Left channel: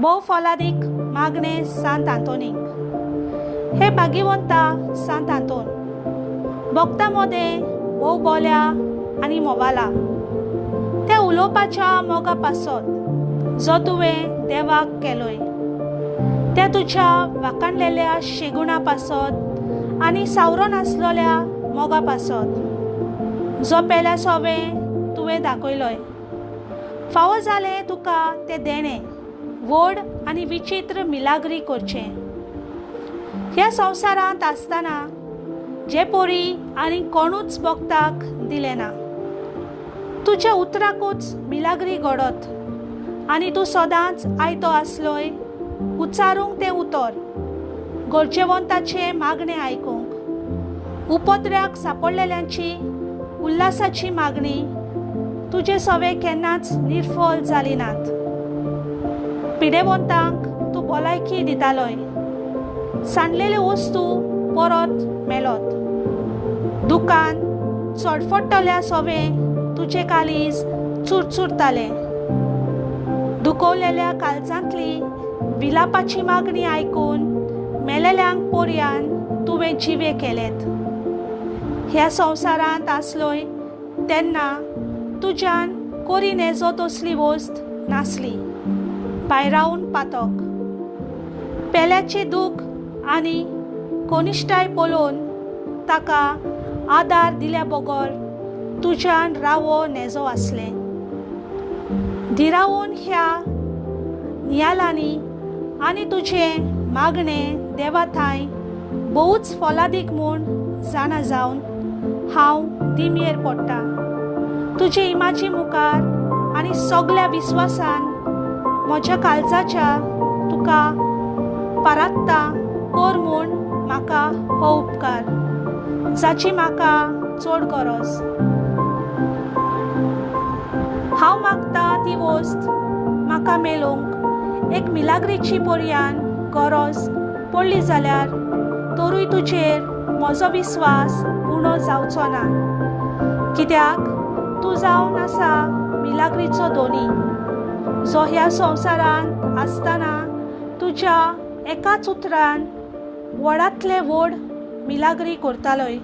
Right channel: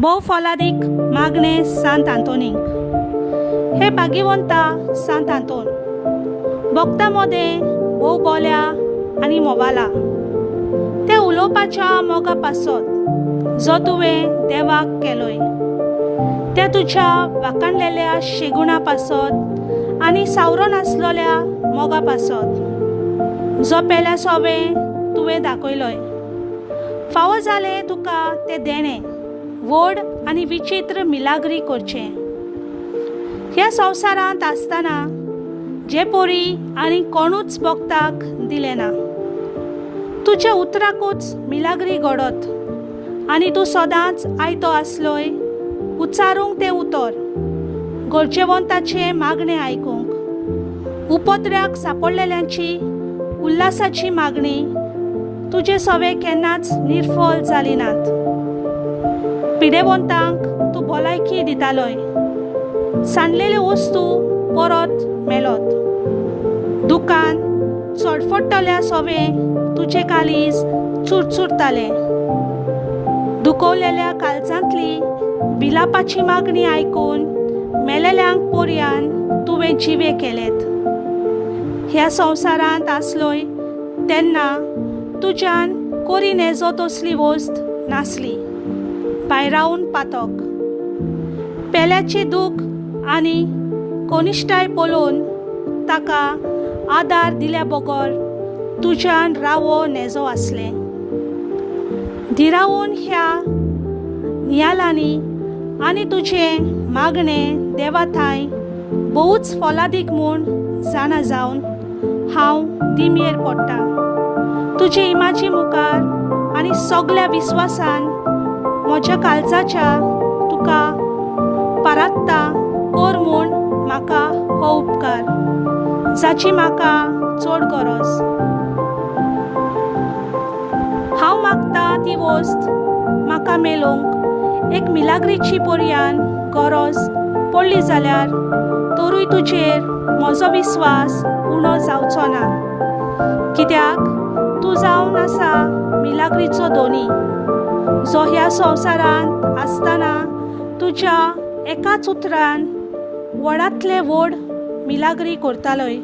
भोव फलादीक मागणे सांत आंतोनीक। हे भाग्यवंता सांत आंतोन, भक्तां मदें भोव बोल्या आनी मोवाला त्या उलोवपाच्या मोगा पासत जो तुवें देवाक केलोय, त्या तुज्या वाखाणलेल्या शेगुणा पासत आनी सावरो नासलोल्या मोगा पासत जो पेल्या सोबें तुवें दाखयलोय। फावो जालें तुका तें देणें व्हड आनी विचित्र मिलाग्री करचें। ह्या संवसारांत आसतना जे पोरी आनी कोणूच भक्ताक दिलें ना, तुज्या उतराकूच मिलाग्री घडत आनी तूं सदांच आयतो आसलोय उच्चारूंक तें उतर, गरजेवंताचे मागणें आयकूंक, उपद्र्याक सांपडलेल्यांची उल्हासाची मागणी तुजे सोबे केन्नाच निर्फल जाली नात। पिडेवंतांक तूं भलायकी दितालोय, सांडलेल्यो वस्तू परत मेळत, दुकान चडफडटल्या सोबें तुजें काळीज चुरचुरतालें, दुखवलेल्या काळजांतली विलापाची मागणी आयकून मेलेल्यांक पोरयान तुवें जिवे केलेत। ह्या संवसारांत आसलोय तेन्ना तुज्यान कोरी नेजो तसली वस्त नासली, भायरावन पातक। पेल्याची दूख आनी कोनिश्टाय पळोवन ताका आदार दिल्या बगर तुज्यान रावो नेजो आसलें। धिरावून ह्या नियालांनी आनी तुजें मागणें देवा थंय भोवूच फलादीक म्हूण जाणा जावन हांव दिमेर पडटा। तुजे इमाजी मुखार आनी सगळ्या विस्वासान म्हज्या काळजाच्या तुका पारात्ता कर म्हूण म्हाका हो उपकार, जाची म्हाका चड गरज। हांव मागता ती वस्त म्हाका मेळोवंक एक मिलाग्रीची पर्यान गरज पडली जाल्यार तरूय तुजेर म्हजो विस्वास उणो जावचो ना, कित्याक तूं जावन आसा मिलाग्रीचो धोनी, जो ह्या संवसारांत आसतना तुज्या एकाच उतरान व्हडांतले व्हड मिलाग्री करतालोय।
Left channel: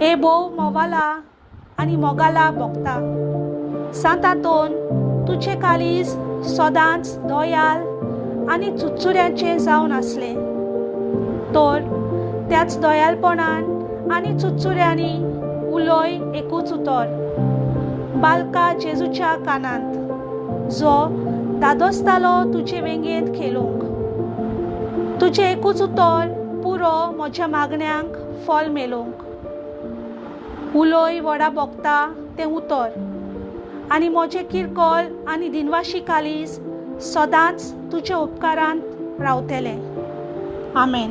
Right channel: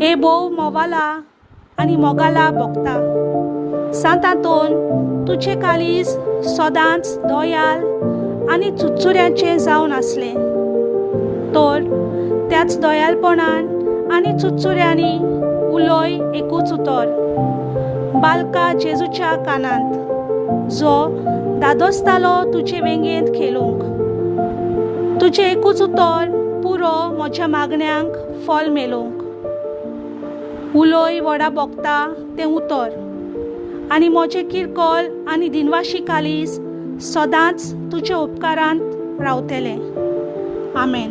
हे भोव मोवाला आनी मोगाला भक्ता सांत आंतोन, तुजें काळीज सदांच दोयाल आनी चुचुऱ्यांचें जावन आसलें, तर त्याच दोयालपणान आनी चुचुऱ्यांनी उलोय एकूच उतर, बालका जेजूच्या कानांत, जो दादोसतालो तुजे वेंगेंत खेळूंक। तुजें एकूच उतर पुरो म्हज्या मागण्यांक फल मेळोवंक। उलोय व्हडा भोगता तें उतर आनी म्हजें किरकोळ आनी दिनवाशी काळीज सदांच तुज्या उपकारांत रावतलें। आमेन।